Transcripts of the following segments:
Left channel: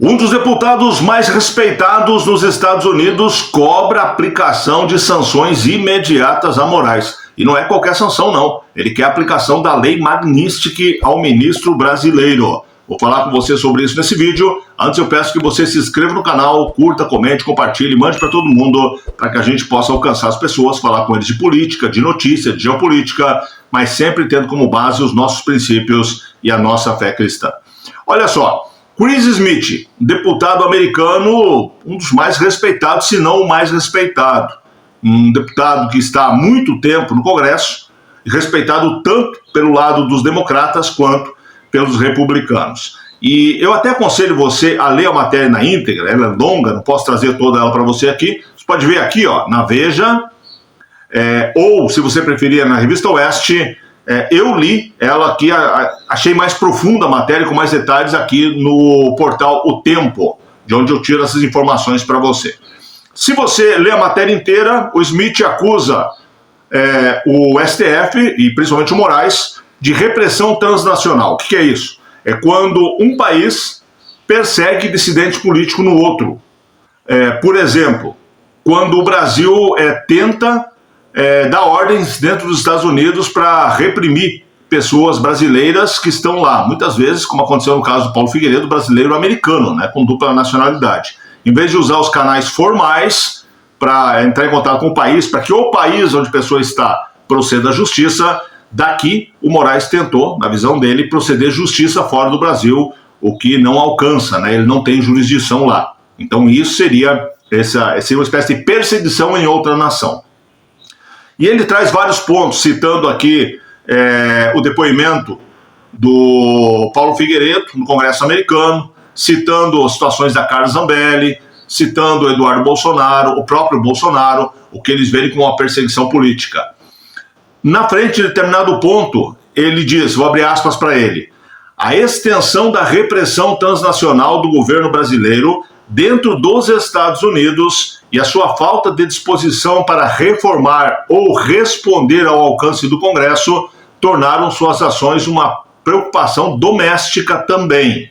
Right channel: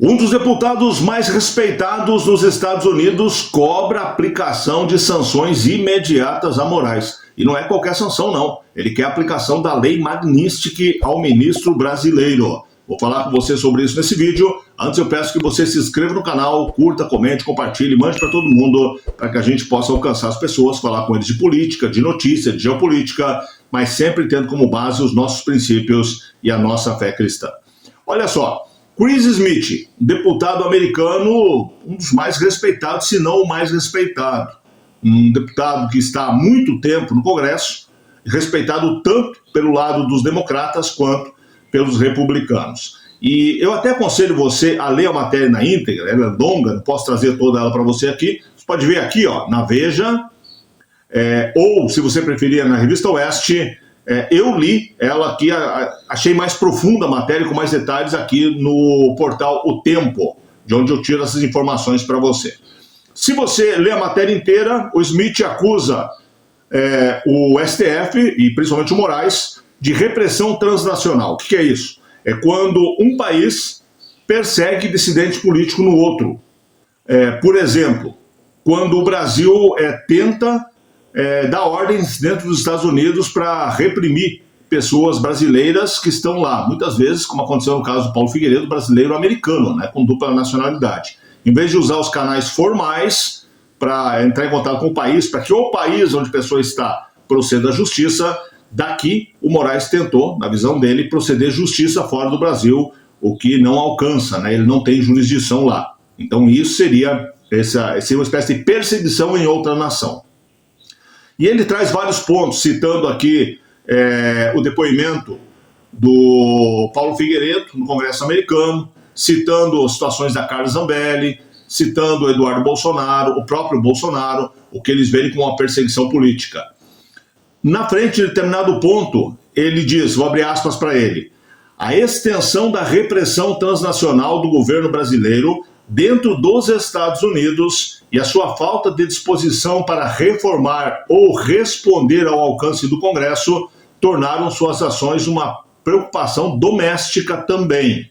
Um dos deputados mais respeitados nos Estados Unidos cobra a aplicação de sanções imediatas a Moraes. E não é qualquer sanção, não. Ele quer a aplicação da lei Magnitsky ao ministro brasileiro. Vou falar com você sobre isso nesse vídeo. Antes eu peço que você se inscreva no canal, curta, comente, compartilhe, mande para todo mundo, para que a gente possa alcançar as pessoas, falar com eles de política, de notícia, de geopolítica, mas sempre tendo como base os nossos princípios e a nossa fé cristã. Olha só. Chris Smith, deputado americano, um dos mais respeitados, se não o mais respeitado. Um deputado que está há muito tempo no Congresso, respeitado tanto pelo lado dos democratas quanto pelos republicanos. E eu até aconselho você a ler a matéria na íntegra, ela é longa, não posso trazer toda ela para você aqui. Você pode ver aqui, ó, na Veja, ou, se você preferir, na Revista Oeste. Eu li ela aqui, achei mais profunda a matéria, com mais detalhes aqui no portal O Tempo, de onde eu tiro essas informações para você. Se você ler a matéria inteira, o Smith acusa o STF, e principalmente o Moraes, de repressão transnacional. O que é isso? É quando um país persegue dissidente político no outro. Por exemplo, quando o Brasil tenta dar ordens dentro dos Estados Unidos para reprimir pessoas brasileiras que estão lá, muitas vezes, como aconteceu no caso do Paulo Figueiredo, brasileiro-americano, né, com dupla nacionalidade. Em vez de usar os canais formais para entrar em contato com o país, para que o país onde a pessoa está proceda à justiça, daqui o Moraes tentou, na visão dele, proceder justiça fora do Brasil, o que não alcança, né, ele não tem jurisdição lá. Então isso seria uma espécie de perseguição em outra nação. E ele traz vários pontos, citando aqui o depoimento do Paulo Figueiredo no Congresso americano, citando situações da Carla Zambelli, citando o Eduardo Bolsonaro, o próprio Bolsonaro, o que eles veem como uma perseguição política. Na frente de determinado ponto, ele diz, vou abrir aspas para ele, a extensão da repressão transnacional do governo brasileiro dentro dos Estados Unidos e a sua falta de disposição para reformar ou responder ao alcance do Congresso tornaram suas ações uma preocupação doméstica também,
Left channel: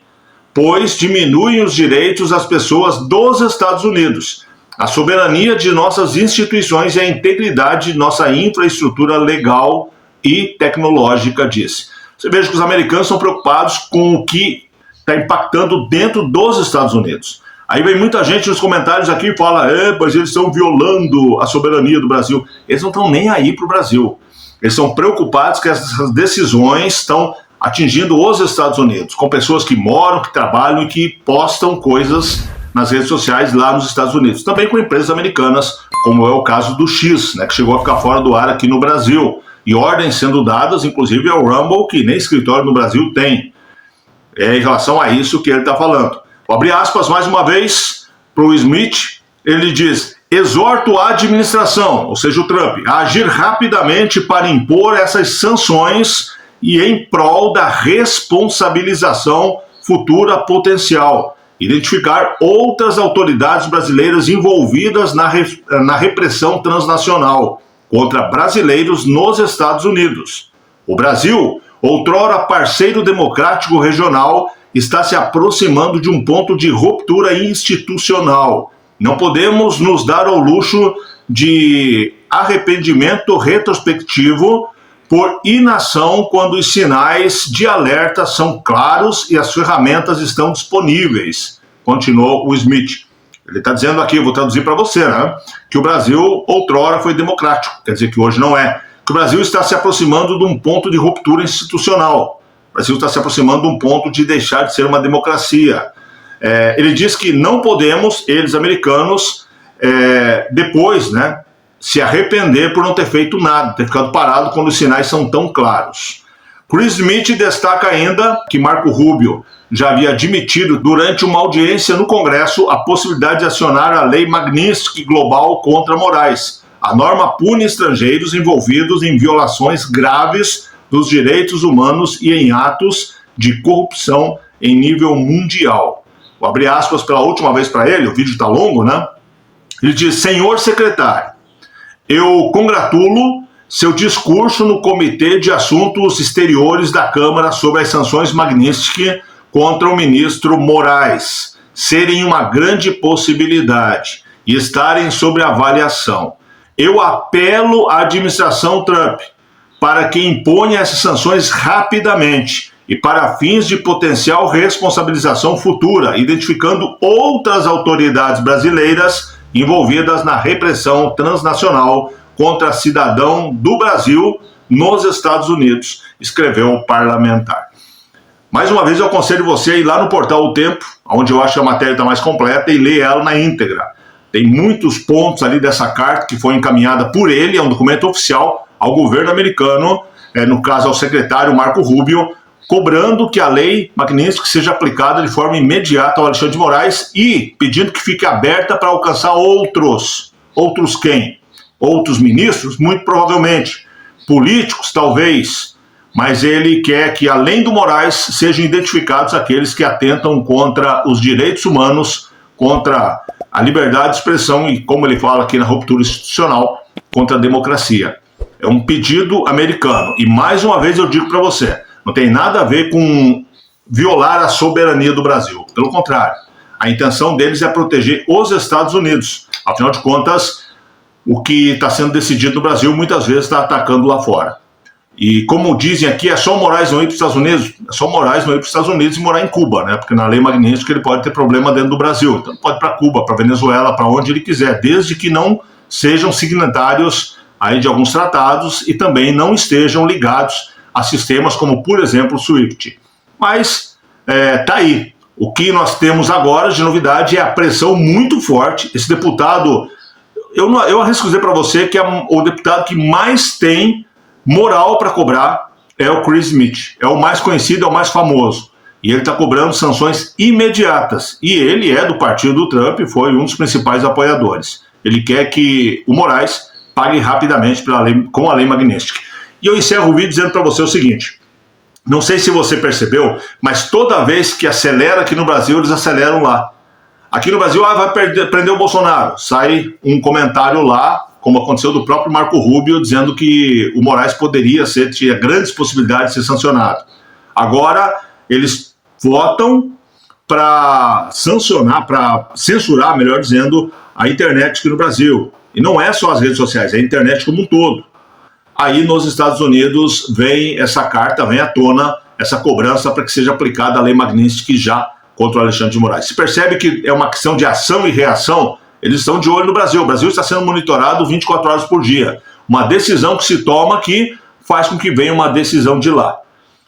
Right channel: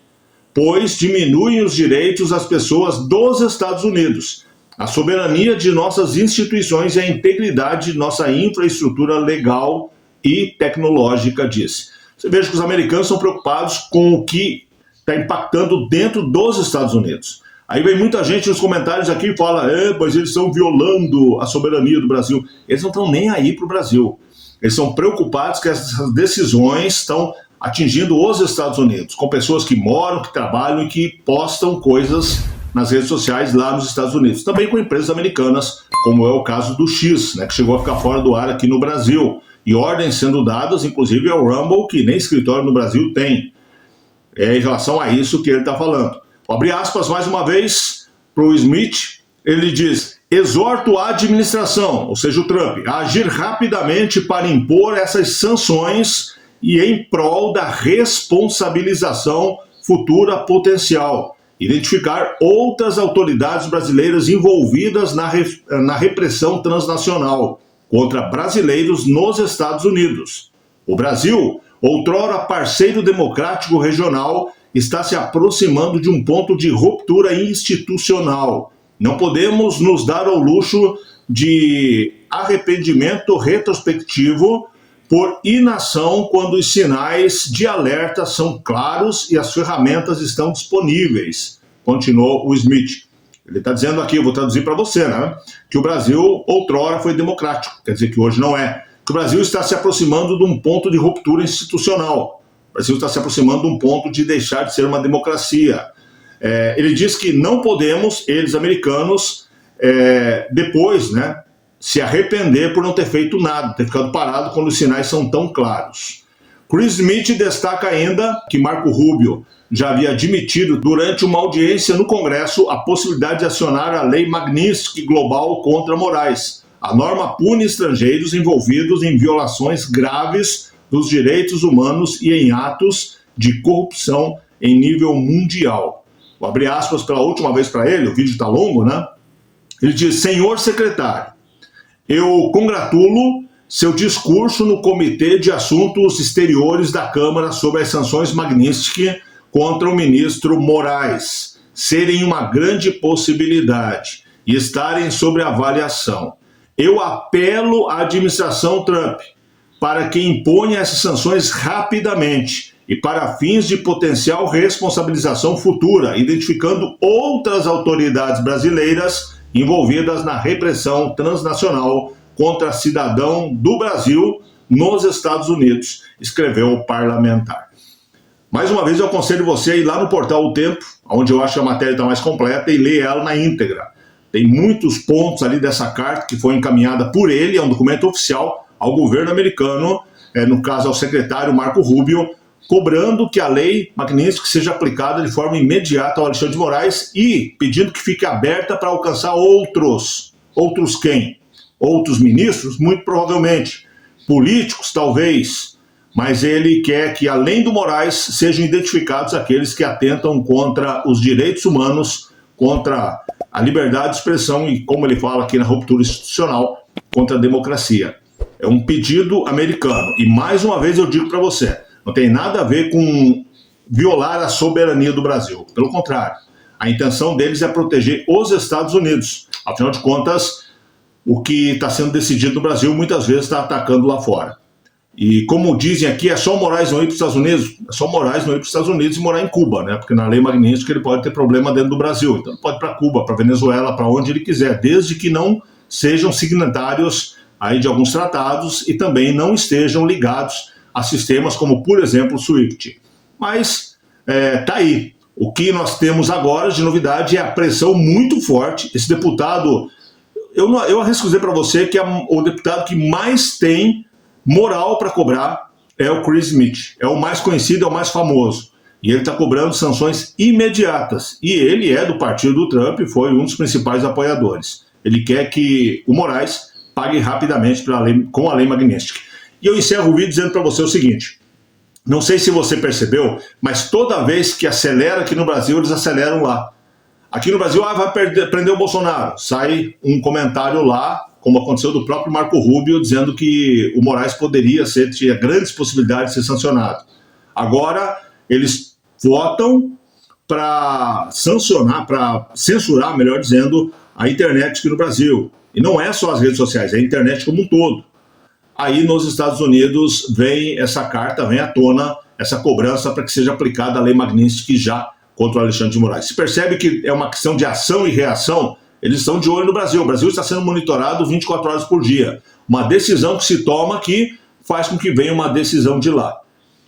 pois diminuem os direitos das pessoas dos Estados Unidos, a soberania de nossas instituições e a integridade de nossa infraestrutura legal e tecnológica, disse. Você veja que os americanos são preocupados com o que está impactando dentro dos Estados Unidos. Aí vem muita gente nos comentários aqui e fala, pois eles estão violando a soberania do Brasil. Eles não estão nem aí para o Brasil. Eles são preocupados que essas decisões estão atingindo os Estados Unidos, com pessoas que moram, que trabalham e que postam coisas nas redes sociais lá nos Estados Unidos. Também com empresas americanas, como é o caso do X, né, que chegou a ficar fora do ar aqui no Brasil. E ordens sendo dadas, inclusive, ao Rumble, que nem escritório no Brasil tem. Em relação a isso que ele está falando. Vou abrir aspas mais uma vez para o Smith, ele diz, exorto a administração, ou seja, o Trump, a agir rapidamente para impor essas sanções e em prol da responsabilização futura potencial, identificar outras autoridades brasileiras envolvidas na repressão transnacional contra brasileiros nos Estados Unidos. O Brasil, outrora parceiro democrático regional, está se aproximando de um ponto de ruptura institucional. Não podemos nos dar ao luxo de arrependimento retrospectivo por inação quando os sinais de alerta são claros e as ferramentas estão disponíveis, continuou o Smith. Ele está dizendo aqui, vou traduzir para você, né, que o Brasil outrora foi democrático, quer dizer que hoje não é, que o Brasil está se aproximando de um ponto de ruptura institucional. O Brasil está se aproximando de um ponto de deixar de ser uma democracia. Ele diz que não podemos, eles americanos, depois, né, se arrepender por não ter feito nada, ter ficado parado quando os sinais são tão claros. Chris Smith destaca ainda que Marco Rubio já havia admitido durante uma audiência no Congresso a possibilidade de acionar a lei Magnitsky Global contra Moraes. A norma pune estrangeiros envolvidos em violações graves dos direitos humanos e em atos de corrupção em nível mundial. Vou abrir aspas pela última vez para ele, o vídeo está longo, né? Ele diz, senhor secretário, eu congratulo seu discurso no Comitê de Assuntos Exteriores da Câmara sobre as sanções Magnitsky contra o ministro Moraes. serem uma grande possibilidade e estarem sob avaliação. Eu apelo à administração Trump para que imponha essas sanções rapidamente e para fins de potencial responsabilização futura, identificando outras autoridades brasileiras envolvidas na repressão transnacional contra cidadão do Brasil nos Estados Unidos, escreveu o parlamentar. Mais uma vez eu aconselho você a ir lá no portal O Tempo, onde eu acho que a matéria está mais completa, e ler ela na íntegra. Tem muitos pontos ali dessa carta que foi encaminhada por ele, é um documento oficial ao governo americano, no caso ao secretário Marco Rubio, cobrando que a lei Magnitsky seja aplicada de forma imediata ao Alexandre de Moraes e pedindo que fique aberta para alcançar outros quem? Outros ministros? Muito provavelmente. Políticos, talvez. Mas ele quer que, além do Moraes, sejam identificados aqueles que atentam contra os direitos humanos, contra a liberdade de expressão e, como ele fala aqui na ruptura institucional, contra a democracia. É um pedido americano. E, mais uma vez, eu digo para você, não tem nada a ver com violar a soberania do Brasil. Pelo contrário, a intenção deles é proteger os Estados Unidos. Afinal de contas, o que está sendo decidido no Brasil muitas vezes está atacando lá fora. E como dizem aqui, é só o Moraes não ir para os Estados Unidos? É só o Moraes não ir para os Estados Unidos e morar em Cuba, né? Porque na lei Magnitsky ele pode ter problema dentro do Brasil. Então pode ir para Cuba, para Venezuela, para onde ele quiser, desde que não sejam signatários aí de alguns tratados e também não estejam ligados a sistemas como, por exemplo, o SWIFT. Mas tá aí. O que nós temos agora de novidade é a pressão muito forte. Esse deputado, eu arrisco dizer para você que é o deputado que mais tem moral para cobrar é o Chris Smith. É o mais conhecido, é o mais famoso. E ele está cobrando sanções imediatas. E ele é do partido do Trump, foi um dos principais apoiadores. Ele quer que o Moraes pague rapidamente com a lei Magnitsky. E eu encerro o vídeo dizendo para você o seguinte: não sei se você percebeu, mas toda vez que acelera aqui no Brasil, eles aceleram lá. Aqui no Brasil, vai prender o Bolsonaro. Sai um comentário lá, como aconteceu do próprio Marco Rubio, dizendo que o Moraes tinha grandes possibilidades de ser sancionado. Agora, eles votam para censurar, melhor dizendo, a internet aqui no Brasil. E não é só as redes sociais, é a internet como um todo. Aí nos Estados Unidos vem essa carta, vem à tona essa cobrança para que seja aplicada a lei Magnitsky já contra o Alexandre de Moraes. Se percebe que é uma questão de ação e reação, eles estão de olho no Brasil. O Brasil está sendo monitorado 24 horas por dia. Uma decisão que se toma que faz com que venha uma decisão de lá.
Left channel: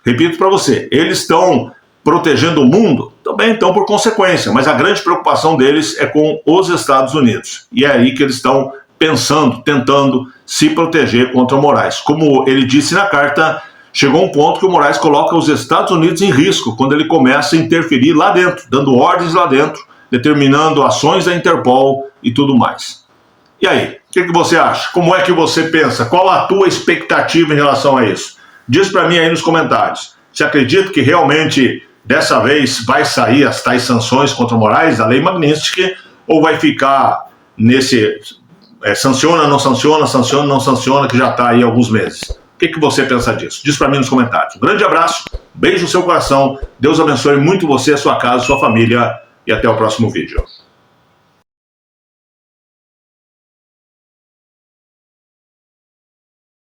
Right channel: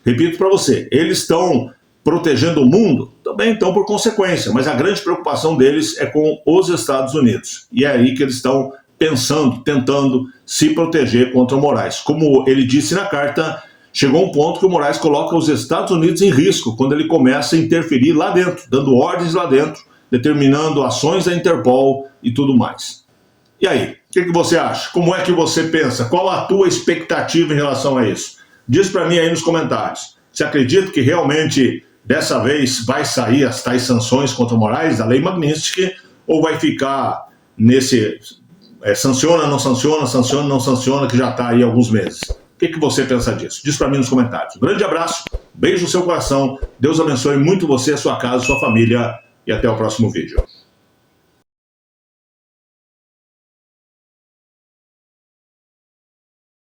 Repito para você, eles estão protegendo o mundo? Também estão por consequência, mas a grande preocupação deles é com os Estados Unidos. E é aí que eles estão pensando, tentando se proteger contra o Moraes. Como ele disse na carta, chegou um ponto que o Moraes coloca os Estados Unidos em risco quando ele começa a interferir lá dentro, dando ordens lá dentro, determinando ações da Interpol e tudo mais. E aí, o que você acha? Como é que você pensa? Qual a tua expectativa em relação a isso? Diz para mim aí nos comentários. Você acredita que realmente dessa vez vai sair as tais sanções contra o Moraes, a lei Magnitsky, ou vai ficar nesse sanciona, não sanciona, sanciona, não sanciona, que já está aí há alguns meses? O que você pensa disso? Diz para mim nos comentários. Um grande abraço, beijo no seu coração, Deus abençoe muito você, a sua casa, a sua família, e até o próximo vídeo.